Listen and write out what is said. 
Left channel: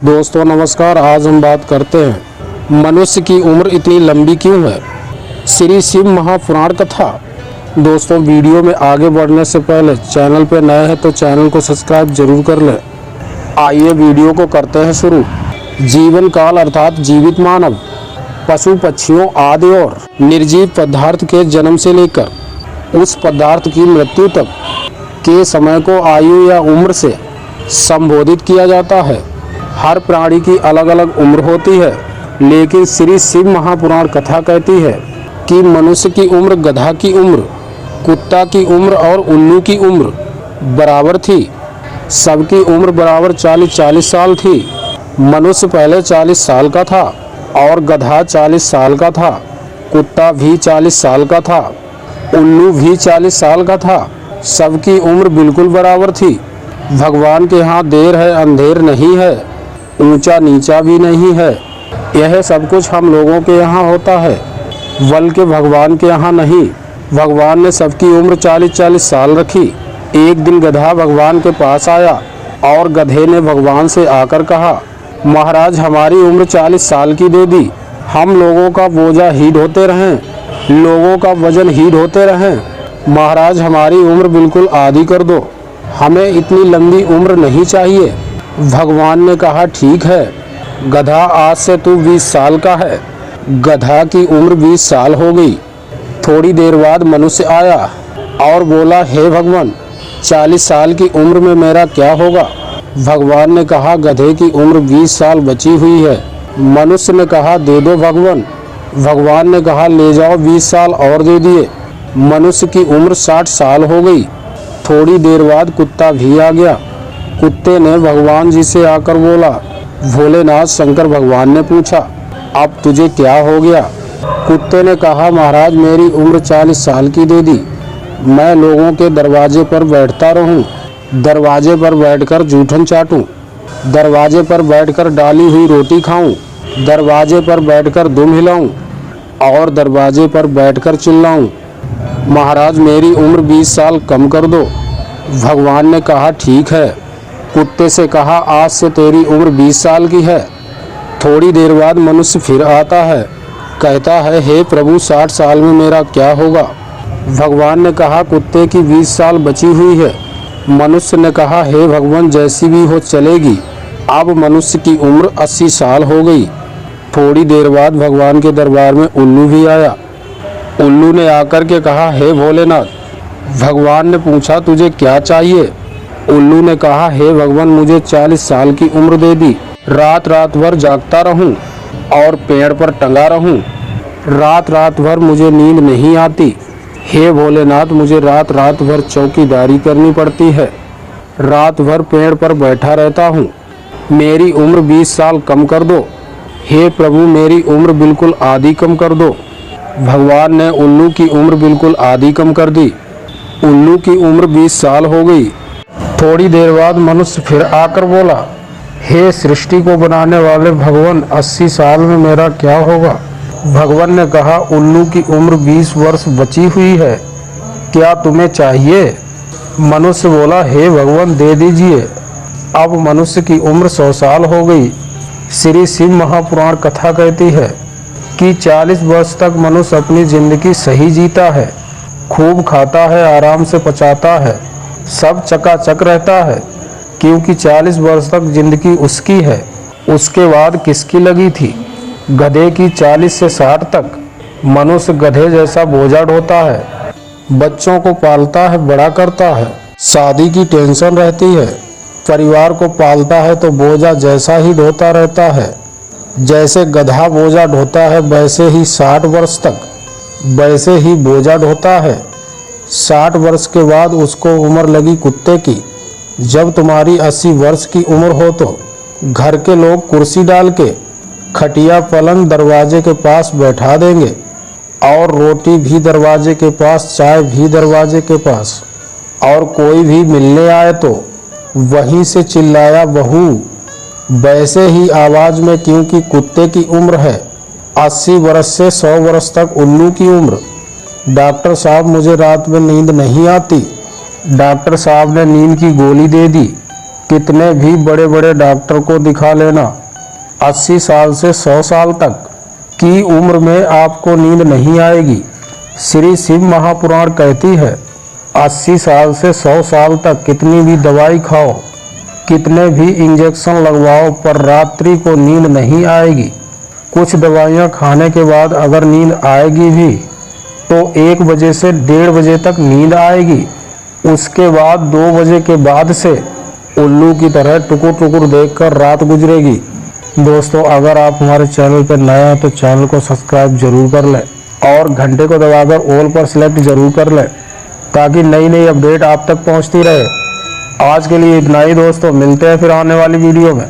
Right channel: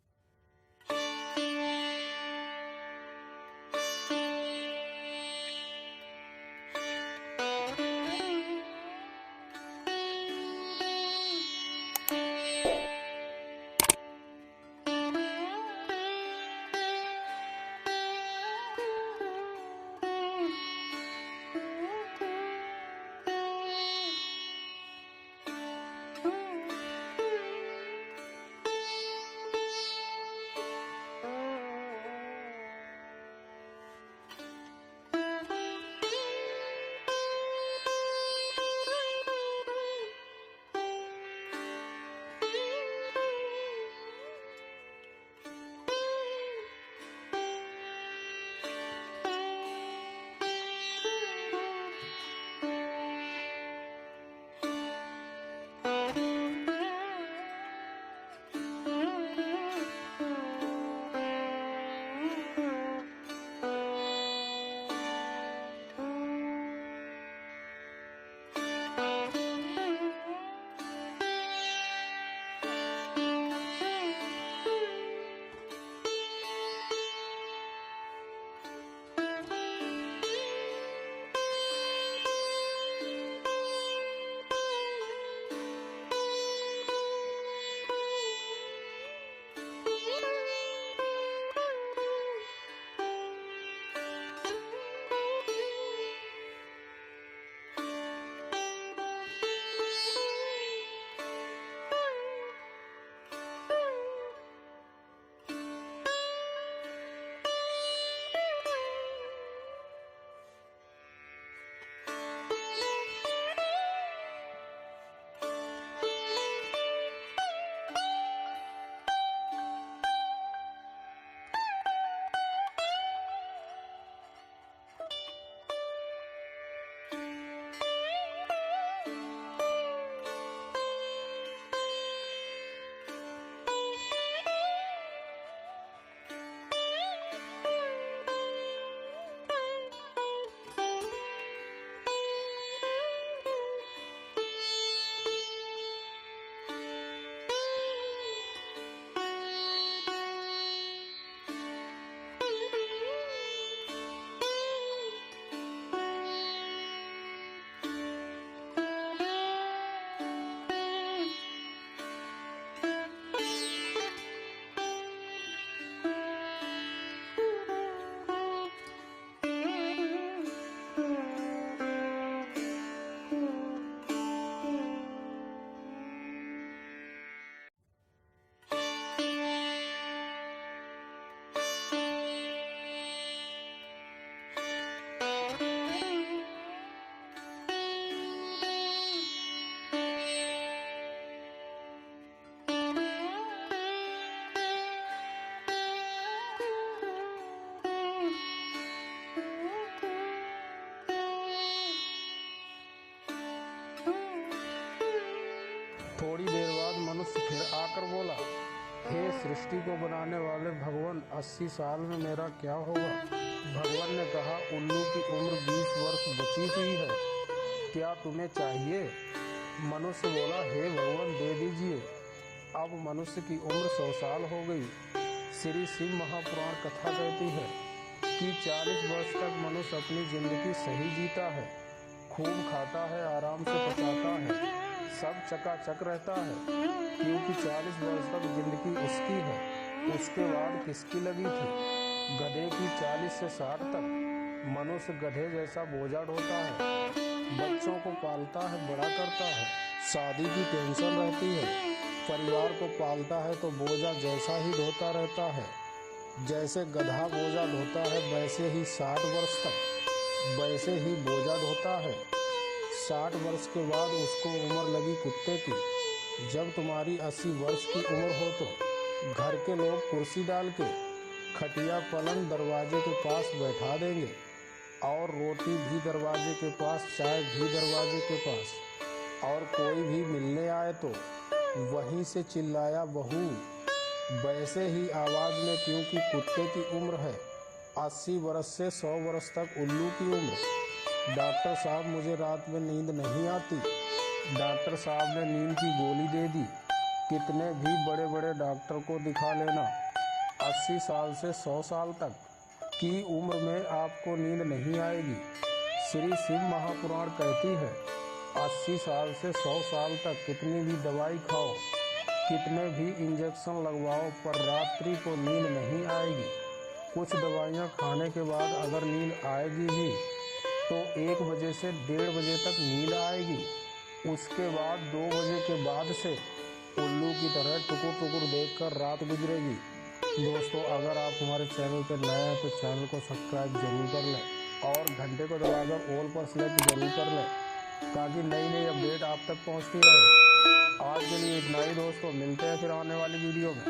दोस्तों नमस्कार। आज हम बात करते हैं मनुष्य की उम्र इतनी लंबी क्यों है। श्री शिव महापुराण कथा। दोस्तों वीडियो में आगे बढ़ने से पहले चैनल पर नए हैं तो चैनल को सब्सक्राइब जरूर कर लें। आइए वीडियो को करते हैं शुरू। जीवन काल अर्थात जीवित मानव पशु पक्षियों आदि और निर्जीव पदार्थ के जन्म से लेकर उस पदार्थ की मृत्यु तक के समय को आयु या उम्र से संबोधित किया जाता है। हर प्राणी की अलग अलग उम्र होती है, लेकिन श्री शिव महापुराण कथा कहती है कि मनुष्य की उम्र गधा की उम्र, कुत्ता की उम्र और उल्लू की उम्र बराबर थी। सबकी उम्र बराबर 40-40 साल थी। मनुष्य पहले 40 साल का था और गधा 40 साल का था। कुत्ता भी 40 साल का था, उल्लू भी 40 साल का था। सबकी उम्र बिल्कुल बराबर थी। भगवान के यहाँ देर है अंधेर नहीं है, ऊंचा नीचा भी नहीं है। यह सब कुछ हम लोगों के यहाँ होता है, बल्कि भगवान के यहाँ नहीं। भगवान ने सबकी उम्र 40-40 साल रखी। एक दिन गधा भगवान के पास आया और गधे ने भगवान से आकर कहा, महाराज हमारी उम्र 40 साल की दे दी। हम लोगों का बोझा ही ढोते रहें, लोगों का वजन ही ढोते रहें। महाराज हमारी उम्र बिल्कुल आधी कर दो, हमें इतनी लंबी उम्र नहीं चाहिए। भगवान ने कहा ठीक है गधा, आज से तू 20 साल का है। गधा की उम्र 20 साल हो गई। थोड़ी देर बाद मनुष्य आया और बोला, हे भगवान 40 साल की उम्र में मेरा क्या होगा। भगवान ने कहा गधे की उम्र 20 साल बची हुई है। मनुष्य ने कहा दे दो भगवान। भगवान ने कहा ले जाओ 20 साल और दे दिए। मनुष्य की उम्र 60 साल हो गई। थोड़ी देर बाद कुत्ता भी आ गया। कुत्ते ने भगवान जी से आकर बोला, भोलेनाथ शंकर। भगवान ने पूछा अब तुझे क्या हो गया। कुत्ते ने कहा महाराज मेरी उम्र 40 साल की दे दी। मैं लोगों के दरवाजे पर बैठता रहूं, दरवाजे पर बैठकर जूठन चाटूं, दरवाजे पर बैठकर डाली हुई रोटी खाऊं, दरवाजे पर बैठकर दुम हिलाऊं और दरवाजे पर बैठकर चिल्लाऊं। महाराज मेरी उम्र 20 साल कम कर दो। भगवान ने कहा ठीक है। कुत्ते से कहा आज से तेरी उम्र 20 साल की है। थोड़ी देर बाद मनुष्य फिर आता है, कहता है हे प्रभु 60 साल में मेरा क्या होगा। भगवान ने कहा कुत्ते की 20 साल बची हुई है। मनुष्य ने कहा हे भगवान जैसी भी हो चलेगी। अब मनुष्य की उम्र 80 साल हो गई। थोड़ी देर बाद भगवान के दरबार में उल्लू भी आया। उल्लू ने आकर के कहा हे भोलेनाथ। भगवान ने पूछा तुझे क्या चाहिए। उल्लू ने कहा हे भगवान मुझे 40 साल की उम्र दे दी। रात रात भर जागता रहूं और पेड़ पर टंगा रहूं। रात रात भर मुझे नींद नहीं आती। हे भोलेनाथ मुझे रात रात भर चौकीदारी करनी पड़ती है। रात भर पेड़ पर बैठा रहता हूं। मेरी उम्र 20 साल कम कर दो। हे प्रभु मेरी उम्र बिल्कुल आधी कम कर दो। भगवान ने उल्लू की उम्र बिल्कुल आधी कम कर दी। उल्लू की उम्र 20 साल हो गई। थोड़ी देर बाद मनुष्य फिर आकर बोला, हे सृष्टि को बनाने वाले भगवान 80 साल में मेरा क्या होगा। भगवान ने कहा उल्लू की उम्र 20 वर्ष बची हुई है, क्या तुम्हें चाहिए। मनुष्य बोला हे भगवान दे दीजिए। अब मनुष्य की उम्र 100 साल हो गई। श्री शिव महापुराण कथा कहती है कि 40 वर्ष तक मनुष्य अपनी जिंदगी सही जीता है, खूब खाता है, आराम से पचाता है, सब चकाचक रहता है, क्योंकि 40 वर्ष तक जिंदगी उसकी है। उसके बाद किसकी लगी थी। गधे की 40 से 60 तक मनुष्य गधे जैसा बोझा ढोता है, बच्चों को पालता है, बड़ा करता है, शादी की टेंशन रहती है, परिवार को पालता है तो बोझा जैसा ही ढोता रहता है। जैसे गधा बोझा ढोता है वैसे ही 60 वर्ष तक वैसे ही बोझा ढोता है। 60 वर्ष के बाद उसको उम्र लगी कुत्ते की। जब तुम्हारी 80 वर्ष की उम्र हो तो घर के लोग कुर्सी डाल के खटिया पलंग दरवाजे के पास बैठा देंगे और रोटी भी दरवाजे के पास, चाय भी दरवाजे के पास, और कोई भी मिलने आए तो वहीं से चिल्लाया बहू वैसे ही आवाज़ में, क्योंकि कुत्ते की उम्र है 80 वर्ष से 100 वर्ष तक उल्लू की उम्र। डॉक्टर साहब मुझे रात में नींद नहीं आती। डॉक्टर साहब ने नींद की गोली दे दी। कितने भी बड़े बड़े डॉक्टर को दिखा लेना, 80 साल से 100 साल तक की उम्र में आपको नींद नहीं आएगी। श्री शिव महापुराण कहती है 80 साल से 100 साल तक कितनी भी दवाई खाओ, कितने भी इंजेक्शन लगवाओ, पर रात्रि को नींद नहीं आएगी। कुछ दवाइयाँ खाने के बाद अगर नींद आएगी भी तो 1 बजे से 1:30 बजे तक नींद आएगी। उसके बाद 2 बजे के बाद से उल्लू की तरह टुकुर टुकुर देखकर रात गुजरेगी। दोस्तों, अगर आप हमारे चैनल पर नए हैं तो चैनल को सब्सक्राइब जरूर कर लें और घंटे को दबाकर ऑल पर सेलेक्ट जरूर कर लें ताकि नई नई अपडेट आप तक पहुंचती रहे। आज के लिए इतना ही दोस्तों, मिलते हैं फिर आने वाली वीडियो में।